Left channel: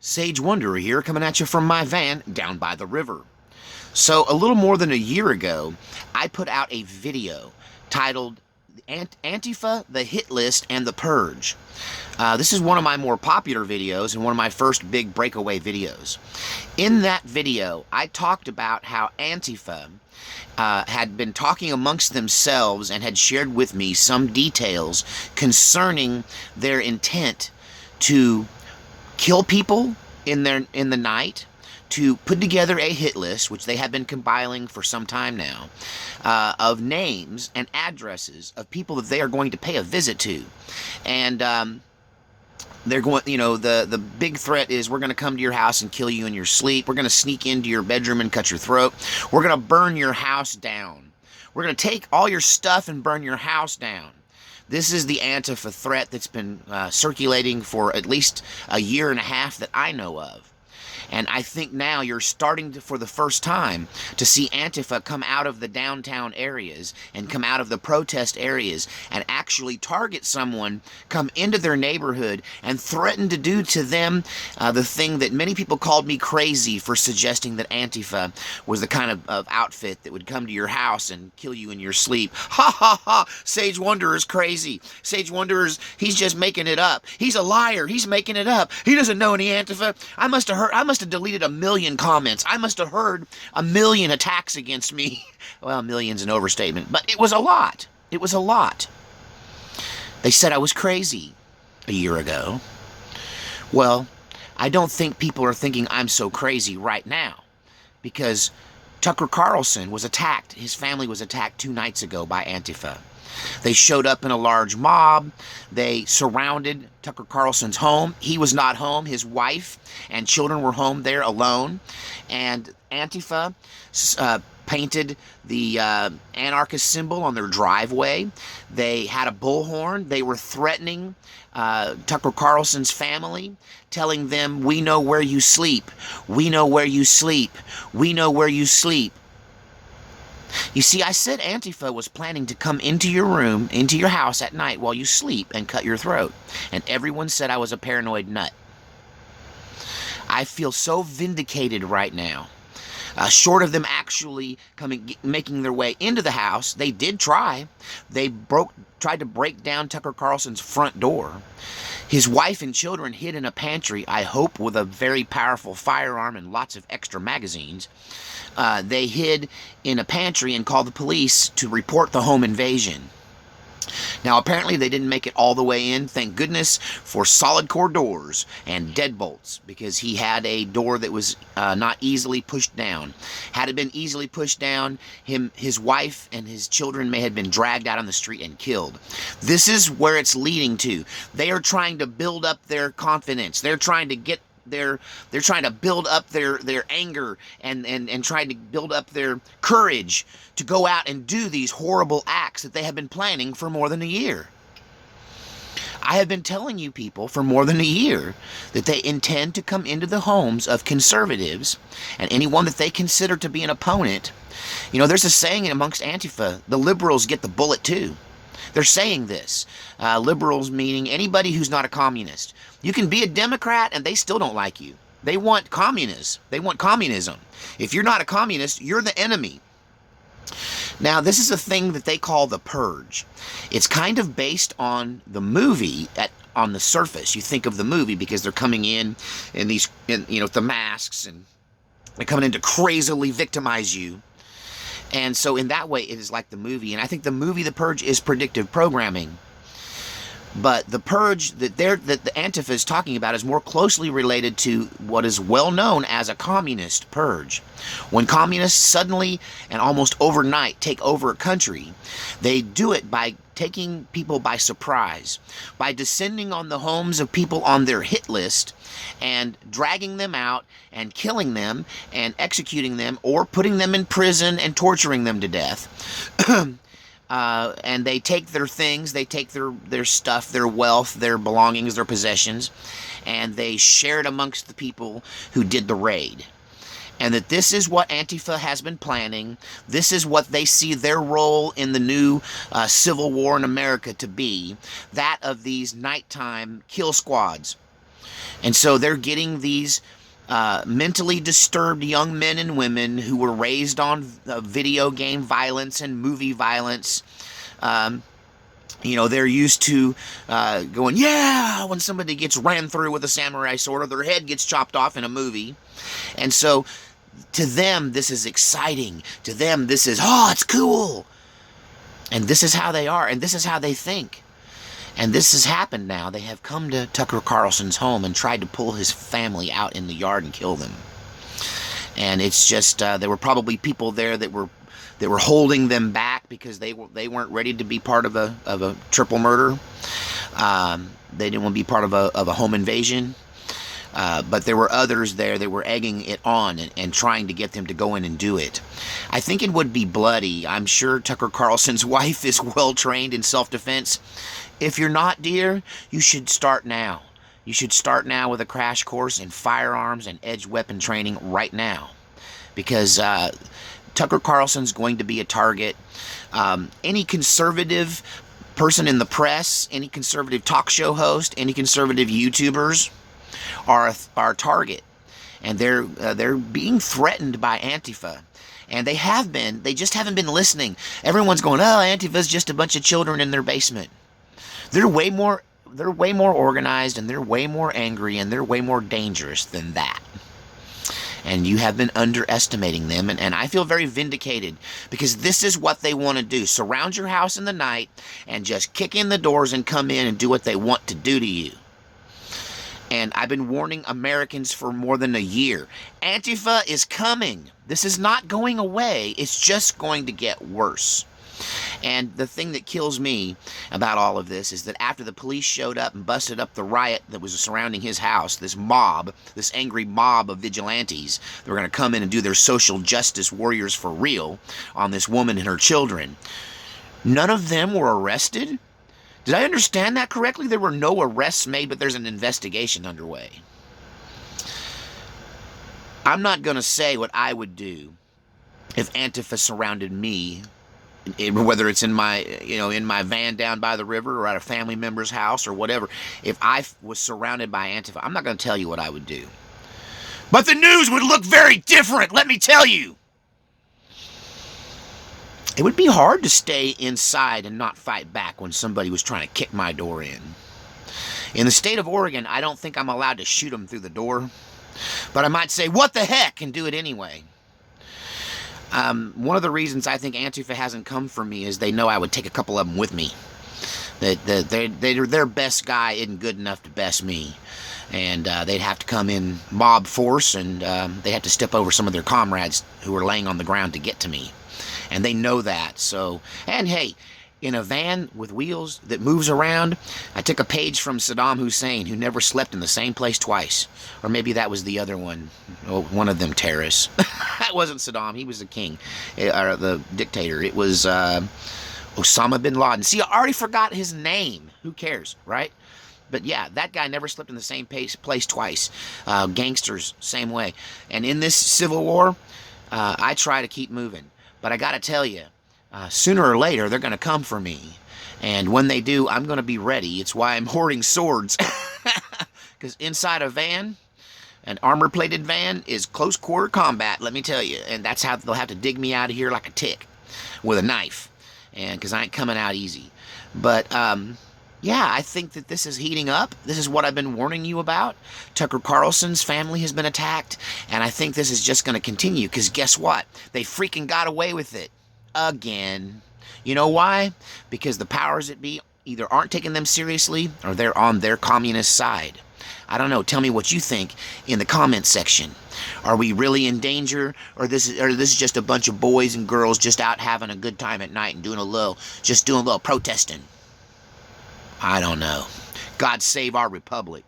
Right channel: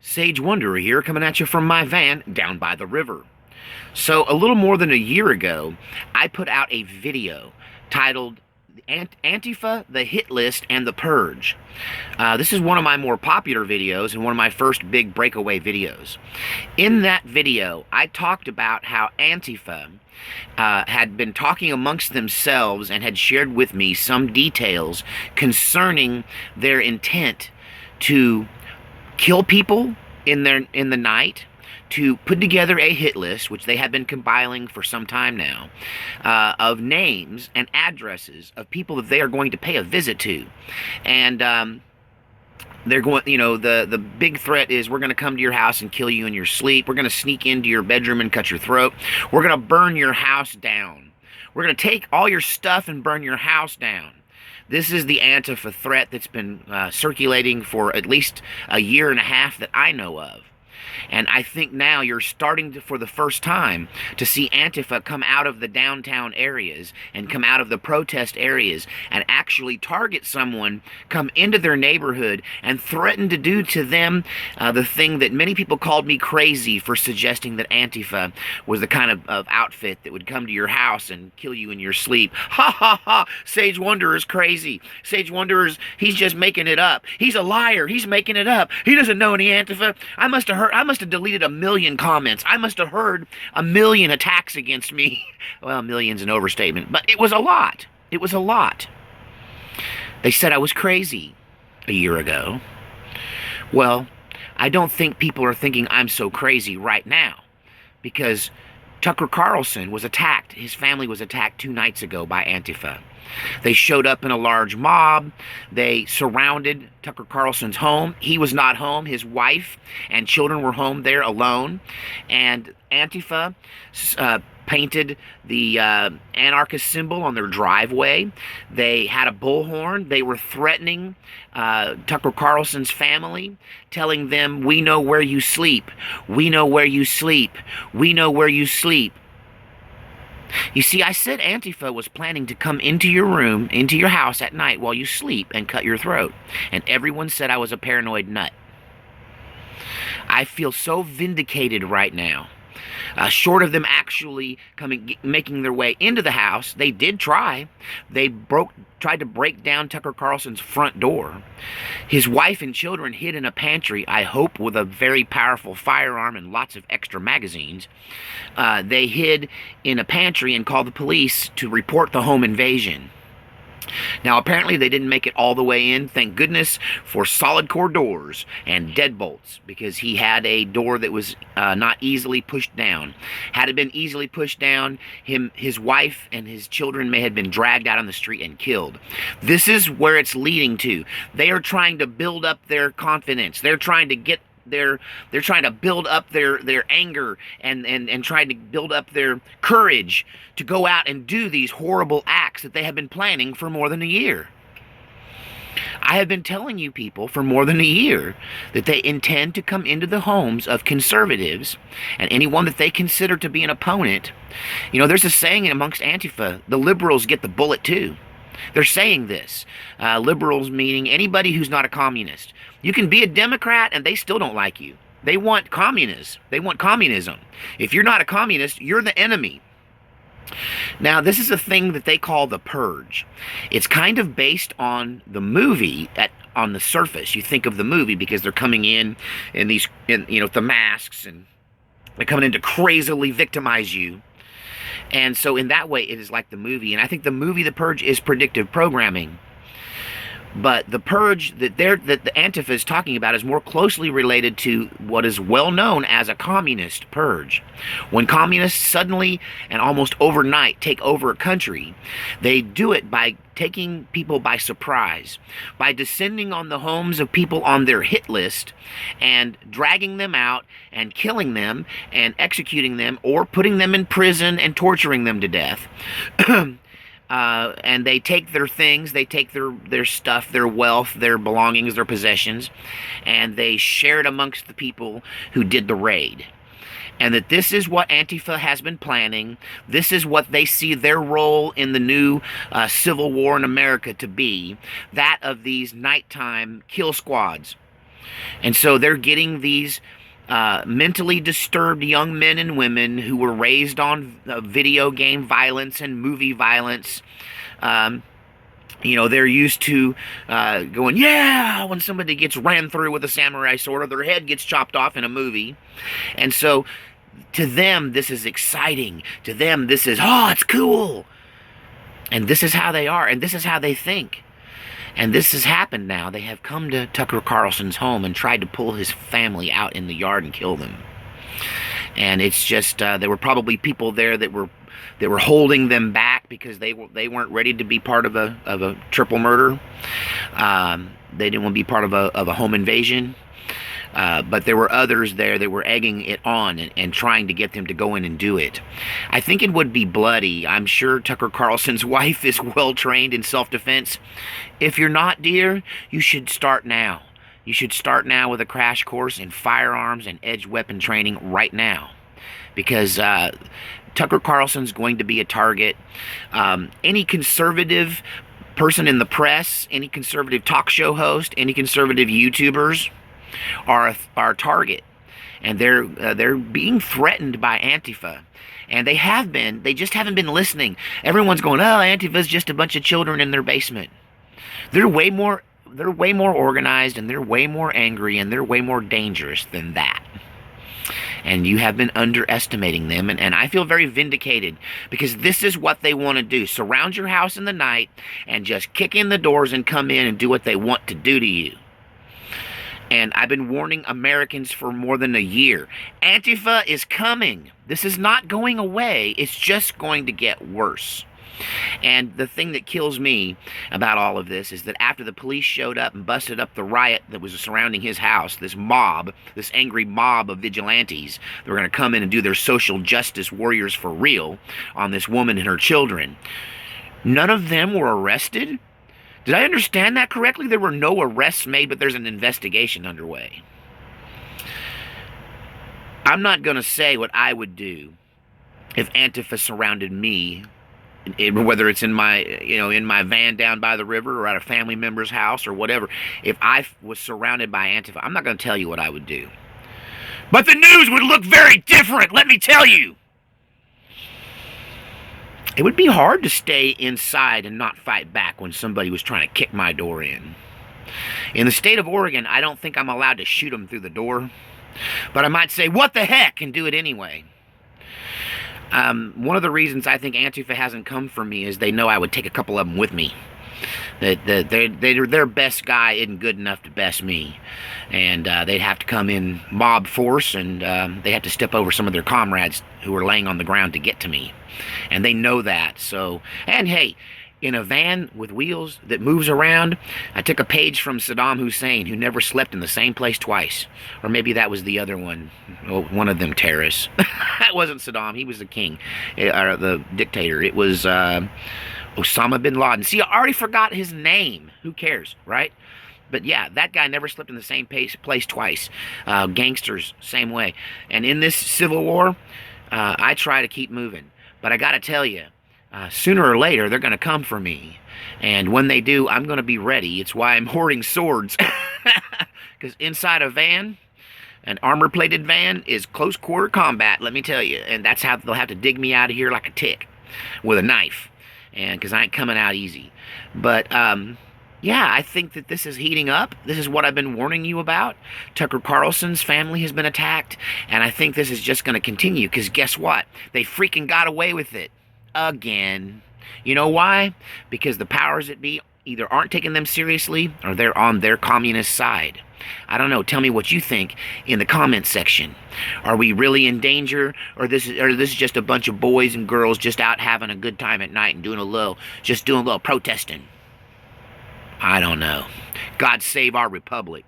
Sage Wanderer here, coming at you from my van down by the river. So, a little more than a year ago, I put out a video titled Antifa, the Hit List, and the Purge. This is one of my more popular videos and one of my first big breakaway videos. In that video, I talked about how Antifa had been talking amongst themselves and had shared with me some details concerning their intent to kill people in the night, to put together a hit list, which they have been compiling for some time now, of names and addresses of people that they are going to pay a visit to. And they're going, the big threat is, we're going to come to your house and kill you in your sleep. We're going to sneak into your bedroom and cut your throat. We're going to burn your house down. We're going to take all your stuff and burn your house down. This is the Antifa threat that's been circulating for at least a year and a half that I know of. And I think now you're starting to, for the first time, to see Antifa come out of the downtown areas and come out of the protest areas and actually target someone, come into their neighborhood and threaten to do to them the thing that many people called me crazy for suggesting that Antifa was the kind of outfit that would come to your house and kill you in your sleep. Ha ha ha! Sage Wanderer's crazy. Sage Wanderer's, he's just making it up. He's a liar. He's making it up. He doesn't know any Antifa. I must have deleted 1 million comments. I must have heard 1 million attacks against me. Well, million's an overstatement, but it was a lot. It was a lot. They said I was crazy a year ago. Well, I don't think people are thinking I'm so crazy right now, because Tucker Carlson was attacked. His family was attacked 2 nights ago by Antifa. They showed up in a large mob. They surrounded Tucker Carlson's home. He was not home. His wife and children were home there alone. And Antifa painted the anarchist symbol on their driveway. They had a bullhorn. They were threatening Tucker Carlson's family, telling them, "We know where you sleep. We know where you sleep. We know where you sleep." You see, I said Antifa was planning to come into your room, into your house at night while you sleep and cut your throat. And everyone said I was a paranoid nut. I feel so vindicated right now. Short of them actually making their way into the house, they did try. They tried to break down Tucker Carlson's front door. His wife and children hid in a pantry, I hope with a very powerful firearm and lots of extra magazines. They hid in a pantry and called the police to report the home invasion. Now, apparently they didn't make it all the way in. Thank goodness for solid core doors and deadbolts, because he had a door that was not easily pushed down. Had it been easily pushed down, his wife and his children may have been dragged out on the street and killed. This is where it's leading to. They are trying to build up their confidence. They're trying to get they're trying to build up their anger and trying to build up their courage to go out and do these horrible acts that they have been planning for more than a year. I have been telling you people for more than a year that they intend to come into the homes of conservatives and anyone that they consider to be an opponent. You know, there's a saying amongst Antifa, the liberals get the bullet too. They're saying this. Liberals meaning anybody who's not a communist. You can be a Democrat and they still don't like you. They want communists. They want communism. If you're not a communist, you're the enemy. Now, this is a thing that they call the Purge. It's kind of based on the movie on the surface. You think of the movie because they're coming in these, the masks, and they're coming in to crazily victimize you. And so in that way, it is like the movie. And I think the movie The Purge is predictive programming. But the Purge that the Antifa is talking about is more closely related to what is well known as a communist purge. When communists suddenly and almost overnight take over a country, they do it by taking people by surprise, by descending on the homes of people on their hit list and dragging them out and killing them and executing them or putting them in prison and torturing them to death. And they take their things, they take their stuff, their wealth, their belongings, their possessions, and they share it amongst the people who did the raid. And that this is what Antifa has been planning. This is what they see their role in the new civil war in America to be. That of these nighttime kill squads. And so they're getting these mentally disturbed young men and women who were raised on video game violence and movie violence. They're used to going, yeah, when somebody gets ran through with a samurai sword or their head gets chopped off in a movie. And so to them, this is exciting. To them, this is, oh, it's cool. And this is how they are, and this is how they think. And this has happened now. They have come to Tucker Carlson's home and tried to pull his family out in the yard and kill them. And it's just, there were probably people there that were holding them back because they weren't ready to be part of a triple murder. They didn't want to be part of a home invasion. But there were others there that were egging it on and trying to get them to go in and do it. I think it would be bloody. I'm sure Tucker Carlson's wife is well trained in self-defense. If you're not, dear, you should start now. You should start now with a crash course in firearms and edged weapon training right now. Because Tucker Carlson's going to be a target. Any conservative person in the press, any conservative talk show host, any conservative YouTubers are a target. And they're being threatened by Antifa. And they have been. They just haven't been listening. Everyone's going, oh, Antifa's just a bunch of children in their basement. They're way more organized, and they're way more angry, and they're way more dangerous than that. And you have been underestimating them, and I feel very vindicated, because this is what they want to do. Surround your house in the night and just kick in the doors and come in and do what they want to do to you. And I've been warning Americans for more than a year. Antifa is coming. This is not going away. It's just going to get worse. And the thing that kills me about all of this is that after the police showed up and busted up the riot that was surrounding his house, this angry mob of vigilantes that were going to come in and do their social justice warriors for real on this woman and her children, none of them were arrested? Did I understand that correctly? There were no arrests made, but there's an investigation underway. I'm not going to say what I would do if Antifa surrounded me, whether it's in my van down by the river or at a family member's house or whatever. If I was surrounded by Antifa, I'm not going to tell you what I would do. But the news would look very different, let me tell you. It would be hard to stay inside and not fight back when somebody was trying to kick my door in. In the state of Oregon, I don't think I'm allowed to shoot them through the door. But I might say, what the heck, and do it anyway. One of the reasons I think Antifa hasn't come for me is they know I would take a couple of them with me. Their best guy isn't good enough to best me. And they'd have to come in mob force, and they'd have to step over some of their comrades who are laying on the ground to get to me. And they know that. So, and hey, in a van with wheels that moves around, I took a page from Saddam Hussein, who never slept in the same place twice. Or maybe that was the other one. Oh, one of them terrorists. That wasn't Saddam. He was the king, or the dictator. It was Osama bin Laden. See, I already forgot his name. Who cares, right? But yeah, that guy never slept in the same place twice. Gangsters, same way. And in this civil war, I try to keep moving. But I got to tell you, sooner or later, they're going to come for me. And when they do, I'm going to be ready. It's why I'm hoarding swords. Because inside a van, an armor-plated van, is close-quarter combat, let me tell you. And that's how they'll have to dig me out of here like a tick with a knife. And because I ain't coming out easy. But, yeah, I think that this is heating up. This is what I've been warning you about. Tucker Carlson's family has been attacked, and I think this is just going to continue, because guess what? They freaking got away with it. Again. You know why? Because the powers that be either aren't taking them seriously, or they're on their communist side. I don't know. Tell me what you think in the comments section. Are we really in danger, or this is just a bunch of boys and girls just out having a good time at night and doing a little protesting? I don't know. God save our republic.